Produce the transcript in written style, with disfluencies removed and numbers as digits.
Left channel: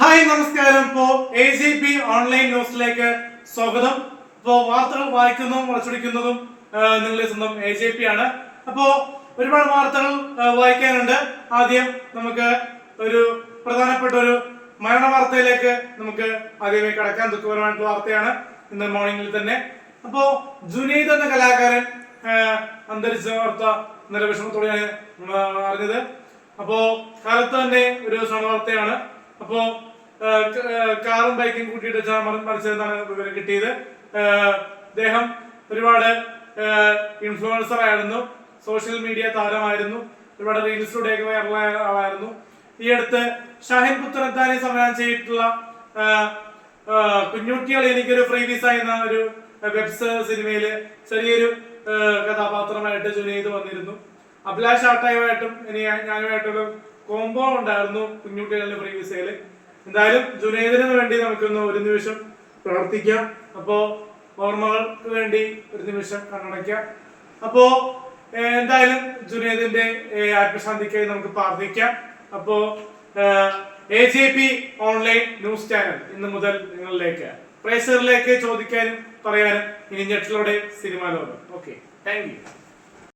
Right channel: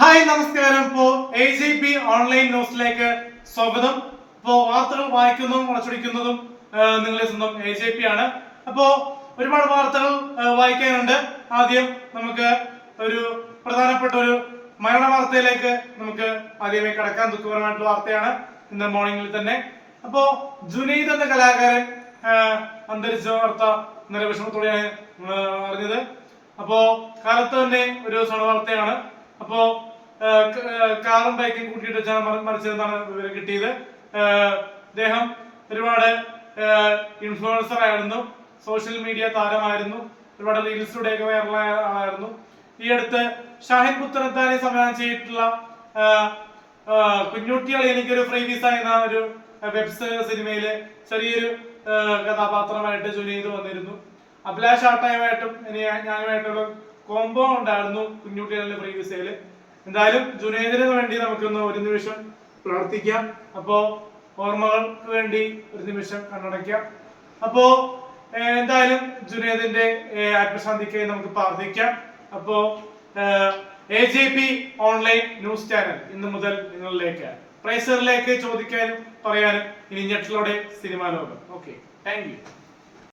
Hi നമസ്കാരം. ഇപ്പോ AGP online ന്യൂസിലേക്ക് സ്വാഗതം. ഇപ്പോ വാർത്തകൾ വായിക്കുന്നതും വളച്ചൊടിക്കുന്നതും നിങ്ങളുടെ സ്വന്തം AGP ആണ്. അപ്പോ ഒരുപാട് വാർത്തകൾ വായിക്കാനുണ്ട്. ആദ്യം നമുക്ക് ഒരു പ്രധാനപ്പെട്ട ഒരു മരണ വാർത്തയിലേക്ക് നമുക്ക് ആദ്യമേ കടക്കാൻ. ദുഃഖകരമായിട്ടുള്ള വാർത്തയാണ് ഇന്ന് മോർണിംഗിൽ തന്നെ. അപ്പോ ജുനൈദ് എന്ന കലാകാരൻ അന്തരിച്ച വാർത്ത ഇന്നലെ വിഷമത്തോടെയാണ് അറിഞ്ഞത്. അപ്പോ കാലത്ത് തന്നെ ഒരു വാർത്തയാണ്. അപ്പോ കാറും ബൈക്കും കൂട്ടിയിട്ട് വെച്ചാണ് മരിച്ചതെന്നാണ് വിവരം കിട്ടിയത്. അദ്ദേഹം ഒരുപാട് ഇൻഫ്ലുവൻസർ ആയിരുന്നു, സോഷ്യൽ മീഡിയ താരമായിരുന്നു, ഒരുപാട് റീൽസിലൂടെയൊക്കെ വൈറലായ ആളായിരുന്നു. ഈ അടുത്ത് ഷാഹിൻ പുത്തനത്താനി സംവിധാനം ചെയ്തിട്ടുള്ള കുഞ്ഞുട്ടികൾ എനിക്കൊരു ഫ്രീ വിസ എന്ന ഒരു വെബ് സിനിമയില് ചെറിയൊരു കഥാപാത്രമായിട്ട് ജുനൈദ് വന്നിരുന്നു. അഭിലാഷ് ആട്ടായുമായിട്ടും ഇനി ഞാനുമായിട്ടുള്ള കോംബോ ഉണ്ടായിരുന്നു കുഞ്ഞുട്ടികളുടെ ഫ്രീ വിസയില്. എന്തായാലും ജുനൈദിന് വേണ്ടി നമുക്കൊന്ന് ഒരു നിമിഷം പ്രവർത്തിക്കാം. അപ്പോ ഓർമ്മകൾക്ക് വേണ്ടി ഒരു നിമിഷം കണ്ണടയ്ക്കാം. അപ്പോ എന്തായാലും ജുനൈദിന്റെ ആത്മശാന്തിക്ക് നമുക്ക് പ്രാർത്ഥിക്കാം. അപ്പോ AGP ഓൺലൈൻ ന്യൂസ് ചാനൽ ഇന്ന് മുതൽ നിങ്ങളിലേക്ക് പ്രേക്ഷകരിലേക്ക് ചോദിക്കാനും പറയാനും ഇനി ഞെട്ടിലൂടെ സിനിമാ ലോകം. Okay, thank you.